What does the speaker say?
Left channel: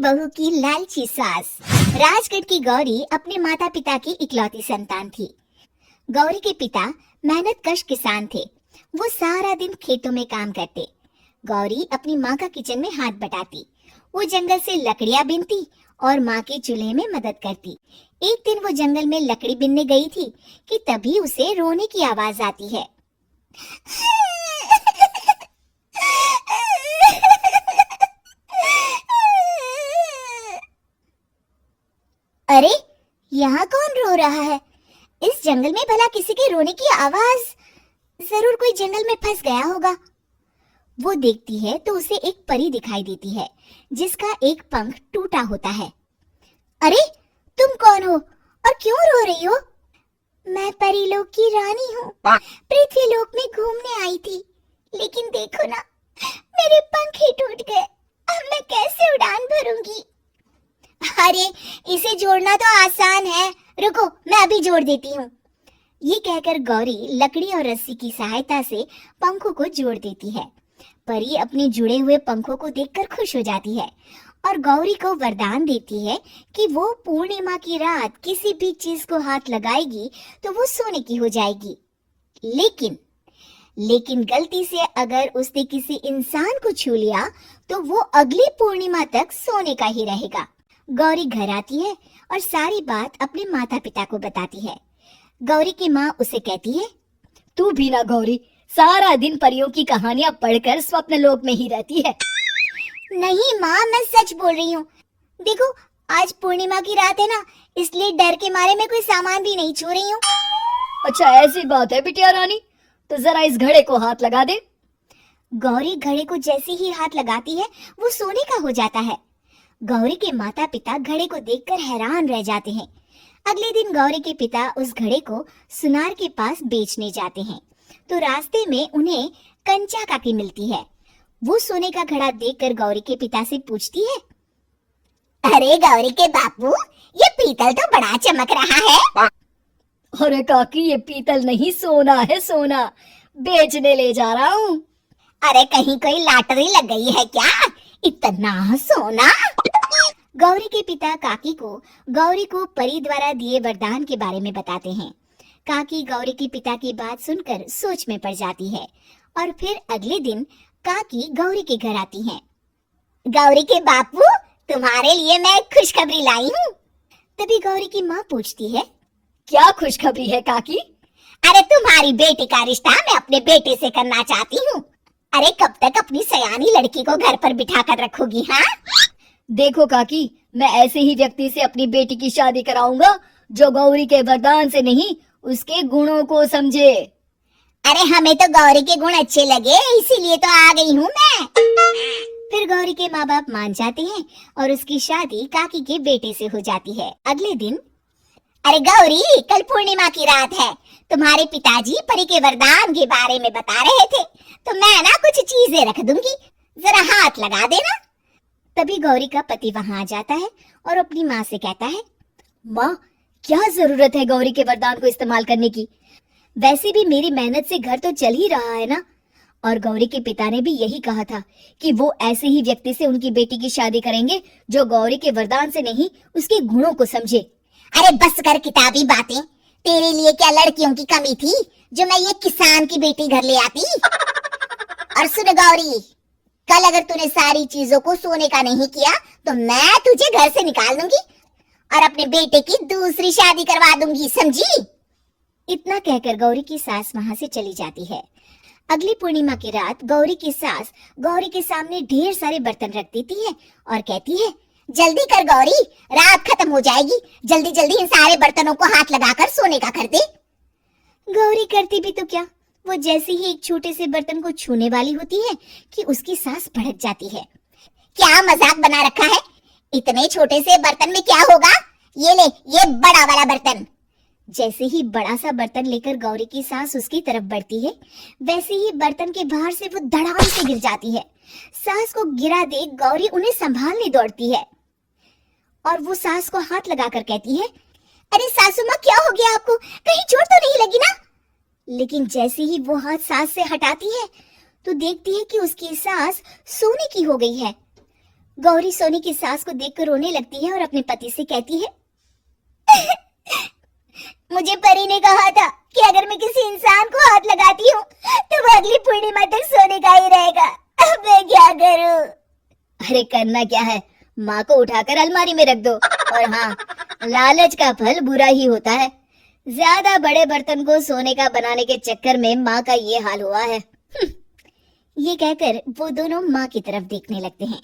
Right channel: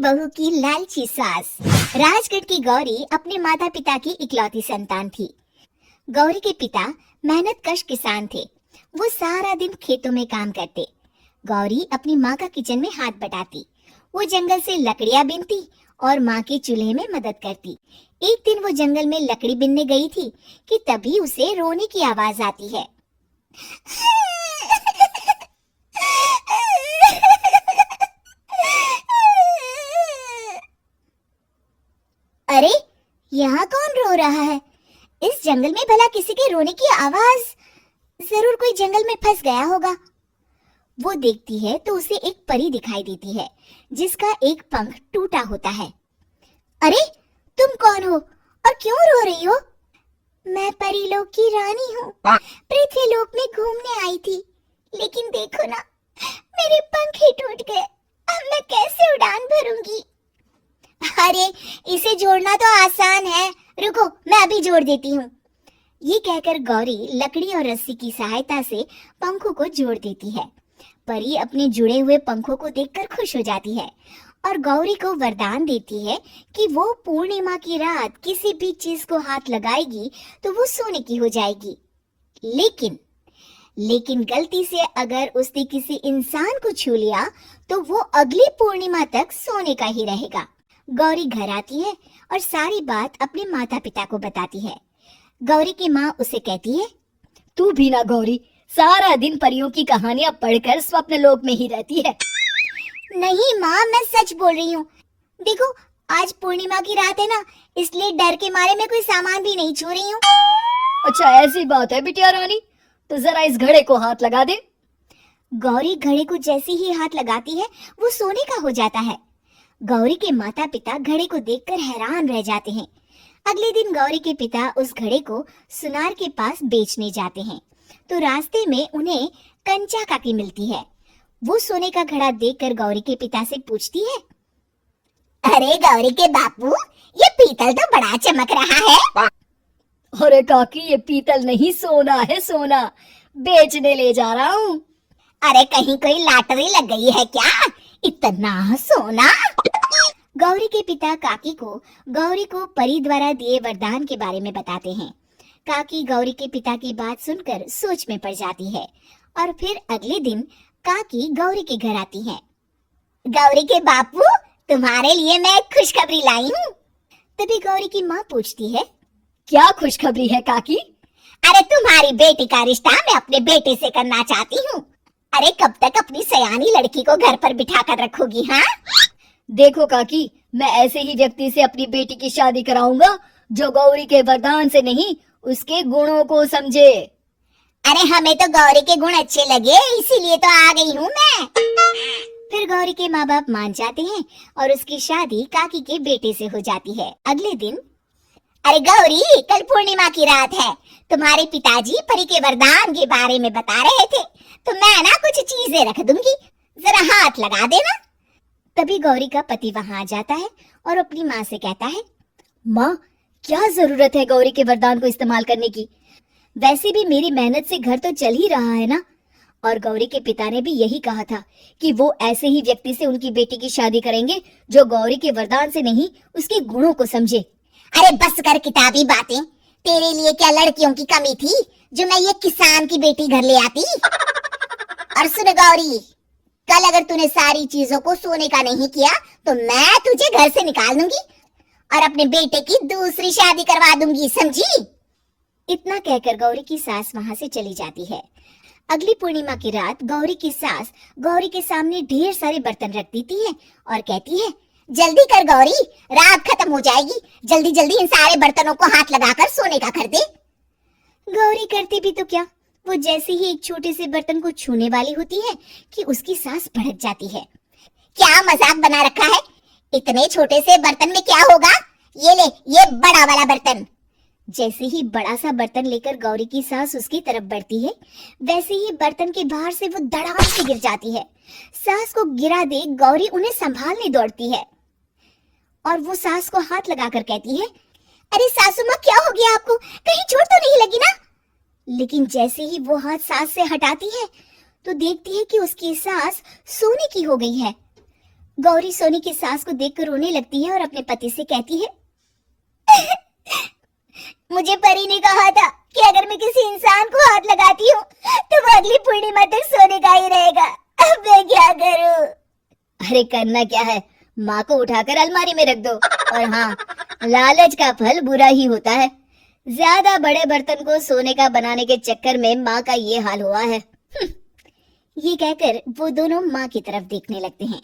बहू की लालची सास। राजगढ़ की गौरी अपने माता पिता की इकलौती संतान थी। गौरी के पिता मेहनत कश किसान थे। वो सारा दिन खेतों में काम करते। गौरी अपनी माँ का किचन में हाथ बटाती। वो जंगल से लकड़ियाँ बीनती और माँ के चूल्हे में मदद करती। एक दिन वो जंगल में लकड़ी बीनने गई थी कि तभी उसे रोने की आवाज आती है। अरे, यहाँ कौन रो रहा है? इस जंगल में भला किसी के रोने की आवाज? जरूर कोई जंगल में फंस गया होगा। वो देखती है तो उसे एक परी दिखाई देती है जिसका एक पंख टूटा होता है। अरे, तुम कौन हो और क्यों रो रही हो? मैं परीलोक की रानी हूँ। पृथ्वीलोक में घूमने आई थी, लेकिन देखो ना, मेरे पंख ही टूट गए। अब मैं कैसे उड़ान भरूंगी? अरे, इसे जोड़ना तो आसान है। रुको, मैं अभी जोड़ देती हूँ। ये कहकर गौरी लकड़ी और रस्सी की सहायता से पंखों को जोड़ देती है। परी अपने जुड़े हुए पंखों को देखकर खुश हो जाती है और गौरी को वरदान देती है कि वो पूर्णिमा की रात किसी भी चीज को हाथ लगाएगी तो वो सोने की हो जाएगी। लेकिन गलती से अगर उसने किसी इंसान को छू लिया तो वो अगली पूर्णिमा तक सोने का ही रहेगा। गौरी घर आती है और सारी बात अपने माता पिता को बताती है। गौरी की माँ उसे कहती है, तू भी ना गौरी, सारा दिन परियों की कहानियां पढ़कर स्वप्न लोक में ही रहती है। नहीं माँ, मैं सच बोल रही हूँ। देखो, आज पूर्णिमा की रात है ना, इसलिए डर के मारे मैं कोई सामान भी नहीं छू रही हूँ। अच्छा, ऐसी बात है बिटिया रानी, तो जरा इस घड़े को हाथ लगा दे। गौरी घड़े को जैसे ही हाथ लगाती है वो सोने का हो जाता है। गौरी के माता पिता घड़े को देखकर हैरान रह जाते हैं। अगले दिन गौरी के पिता उस घड़े को सुनार के पास बेचने जाते हैं तो रास्ते में उन्हें कंचा काकी मिलती है। वो सोने का घड़ा देखकर गौरी के पिता से पूछती है, अरे गौरी के बापू, ये पीतल तो बड़ा चमक रहा है। अरे काकी, ये पीतल नहीं, सोना है, सोना बेचने ले जा रहा हूँ। अरे कहीं कोई लॉटरी लग गई है क्या? इतना सोना? गौरी के पिता काकी को गौरी को परी द्वारा दिए वरदान के बारे में बताते हैं। काकी गौरी के पिता की बात सुनकर सोच में पड़ जाती है और फिर अगले दिन काकी गौरी के घर आती है। गौरी के बापू, तुम्हारे लिए मैं एक खुशखबरी लाई हूँ। तभी गौरी की माँ पूछती है, क्या खुशखबरी है काकी? अरे तुम्हारी बेटी का रिश्ता मैं अपने बेटे से करना चाहती हूँ। अरे कब तक अपनी सयानी लड़की को घर पर बिठा कर रखोगी? हाँ, देखो काकी, मैं ऐसे ही व्यक्ति से अपनी बेटी की शादी कराऊंगा जो गौरी के वरदान से नहीं, उसके गुणों को समझे। अरे हमें तो गौरी के गुण अच्छे लगे, इसीलिए तो आ गई हूँ मैं। फिर गौरी के माँ बाप मान जाते हैं और उसकी शादी काकी के बेटे से हो जाती है। अगले दिन, अरे गौरी, कल पूर्णिमा की रात है। तुम्हारे पिताजी परी के वरदान के बारे में बता रहे थे, तो मैं ना कुछ चीजें रख दूंगी, जरा हाथ लगा देना। तभी गौरी का पति वहां आ जाता है और अपनी माँ से कहता है, माँ, क्या जरूरत है गौरी के वरदान को इस्तेमाल करने की? वैसे भी मेरी मेहनत से घर तो चल ही रहा है ना। और गौरी के पिता ने भी यही कहा था कि वो ऐसे ही व्यक्ति से उनकी बेटी की शादी करेंगे जो गौरी के वरदान से नहीं, उसके गुणों को समझे। अरे बस कर किताबी बातें। तेरे लिए क्या लड़कियों की कमी थी जो मैं ये किसान की बेटी घर ले आती? और सुन गौरी, कल अगर तूने सारी चीजों को सोने का नहीं किया तो मैं तुझे घर से निकाल दूंगी और अपने बेटे की दूसरी शादी करवा दूंगी, समझी? इतना कहकर गौरी की सास वहां से चली जाती है। अगली पूर्णिमा की रात गौरी की सास गौरी के सामने ढेर सारे बर्तन रख देती है और कहती है, जल्दी कर गौरी, रात खत्म हो जाएगी। जल्दी जल्दी इन सारे बर्तनों को हाथ लगाकर सोने का कर दे। गौरी करती भी तो क्या, वो जैसे ही एक छोटे से बर्तन को छूने वाली होती है कि उसकी सांस भड़क जाती है। क्या मजाक बना रखा है? इतने छोटे से बर्तन में क्या होगा? ये ले, ये बड़ा वाला बर्तन। जैसे ही बड़ा सा बर्तन लेकर गौरी की सांस उसकी तरफ बढ़ती है, वैसे ही बर्तन के बाहर से वो धड़ाम से गिर जाती है। सांस को गिरा देख गौरी उन्हें संभालने दौड़ती है और वो सांस को हाथ लगाकर कहती है, अरे सासू माँ, क्या हो गया आपको? कहीं चोट तो नहीं लगी ना? लेकिन जैसे ही वो हाथ सांस से हटाती है तो देखती है कि उसकी सांस सोने की हो गई है। गौरी सोनी की सास को देखकर रोने लगती है और अपने पति से कहती है, मुझे परी ने कहा था कि अगर मैं किसी इंसान को हाथ लगाती हूँ तो वो अगली पूर्णिमा तक सोने का ही रहेगा। अब मैं क्या करूँ? अरे करना क्या है, माँ को उठाकर अलमारी में रख दो। और हाँ, लालच का फल बुरा ही होता है। ज्यादा बड़े बर्तन को सोने का बनाने के चक्कर में माँ का ये हाल हुआ है। ये कहकर वो दोनों माँ की तरफ देखने लगते हैं।